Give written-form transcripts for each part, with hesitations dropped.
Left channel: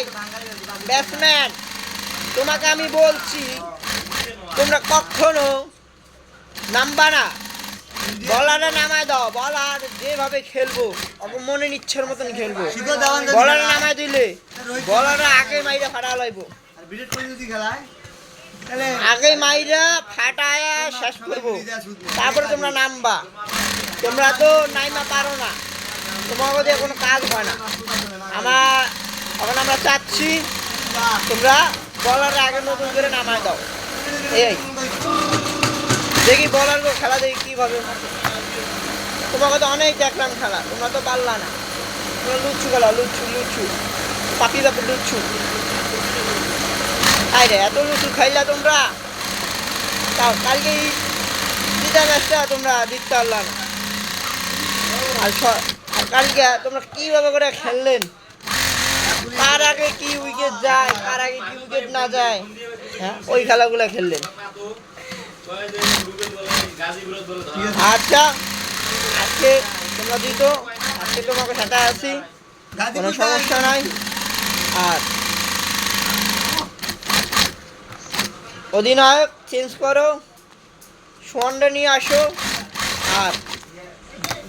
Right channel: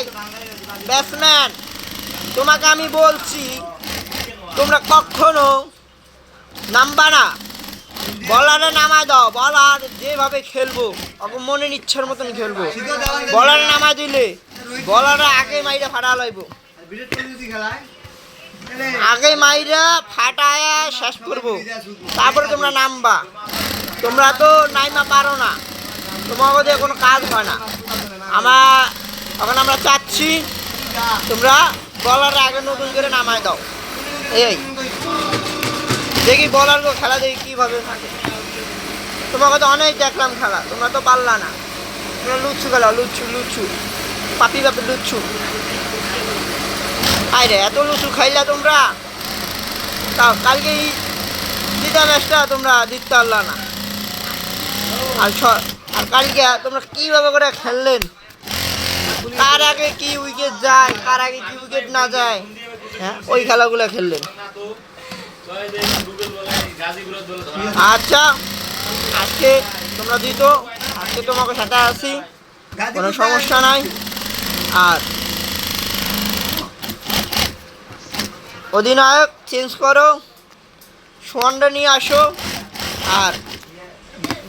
ভাই ব্যাটসম্যান, তোমাকে আমি বলছি তোমরা কখনো নামবা না, বলারে নামায় দাও। বলার যেভাবে খেলবো মনের ইচ্ছার মতন খেলবো। বলারে নামায় দিলে বলারে আগে মাইরা ফাটা লাইব, আগে মাইরা ফাটায় শেষ করবো, তারপরে তোমরা নামবা। তোমরা তো নাইমা পারো না, তোমাকে দিয়ে কোনো কাজ হয় না। এখন আমরা চাচ্ছি তোমরা বলারে আগে নতুন করে নামায় দাও। এই দেখি বলার খেলা দেখি কীভাবে থাকে। তোমাকে তো অনেক দেখলাম খেলা, তোমরা তো পারলা না। তোমরা লুচ্ছু খেলা, লুচ্ছু লুচ্ছু পাপি পাপি লুচ্ছু। আরে এত লুচু খাইলা তোমরা, তাও কালকে জিতা ম্যাচটা তোমরা জিততে পারলা না। আর কালকে তোমরা কীভাবে করে খেললেন, কার আগে কি উইকেট যায়, কার আগে কি উইকেট না যায়, হ্যাঁ ওই খেলাগুলো খেললেন। আচ্ছা আজকে তোমরা দিত, আজকে তোমাকে সাথে আছি, কোনো সমস্যা নাই। আর অধিনায়ক চেঞ্জ করো, সোয়ানটা নিয়ে আসো। আর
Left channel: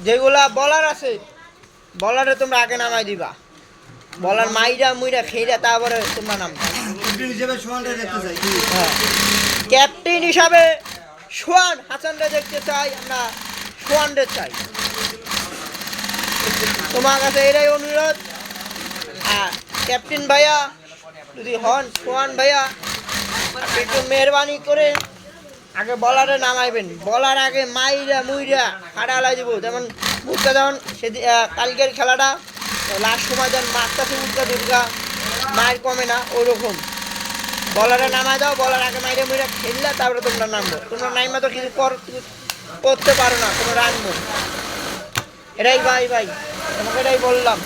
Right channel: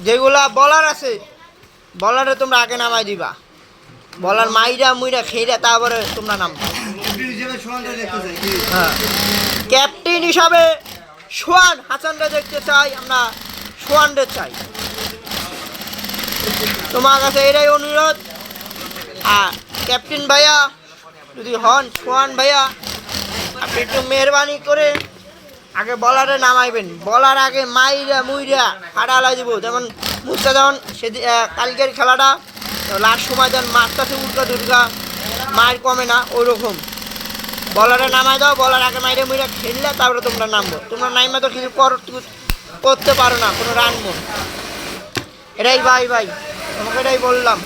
যেগুলা বলার আছে বলারে তোমরা আগে নামাই দিবা, বলার মাইরা মুইরা খেইরা তারপরে তোমরা নামবা। হ্যাঁ ক্যাপ্টেন হিসাবে সোয়ান হাসানরা দেখতে চাই, আমরা সোয়ানদের চাই। তোমার কাছে এটাই অনুরোধ। আর ক্যাপ্টেন ভাইয়া যদি হন সোয়ান ভাইয়া, আপনি একটু মেহরবানি করে আগে বলারে নামাইবেন, বলার আগে মাইরা মুইরা ফাটালাই দিব। যেমন মুস্তা যেমন সেদিন কালকের খেলাটা লাস্ট সময় যেমন মারটাছে উল্কা দুর্গা, মায়ের কমে না, ওরকম বলারে নামাই দাও। বলার আগে মাইরে মুইরা খেললে তারপরে তোমরা নামবো। তোমরা নাইমা তো কিছু করতে পারো না, কোনো রান মন। এটাই ভাই তোমাকে এটাই বললাম।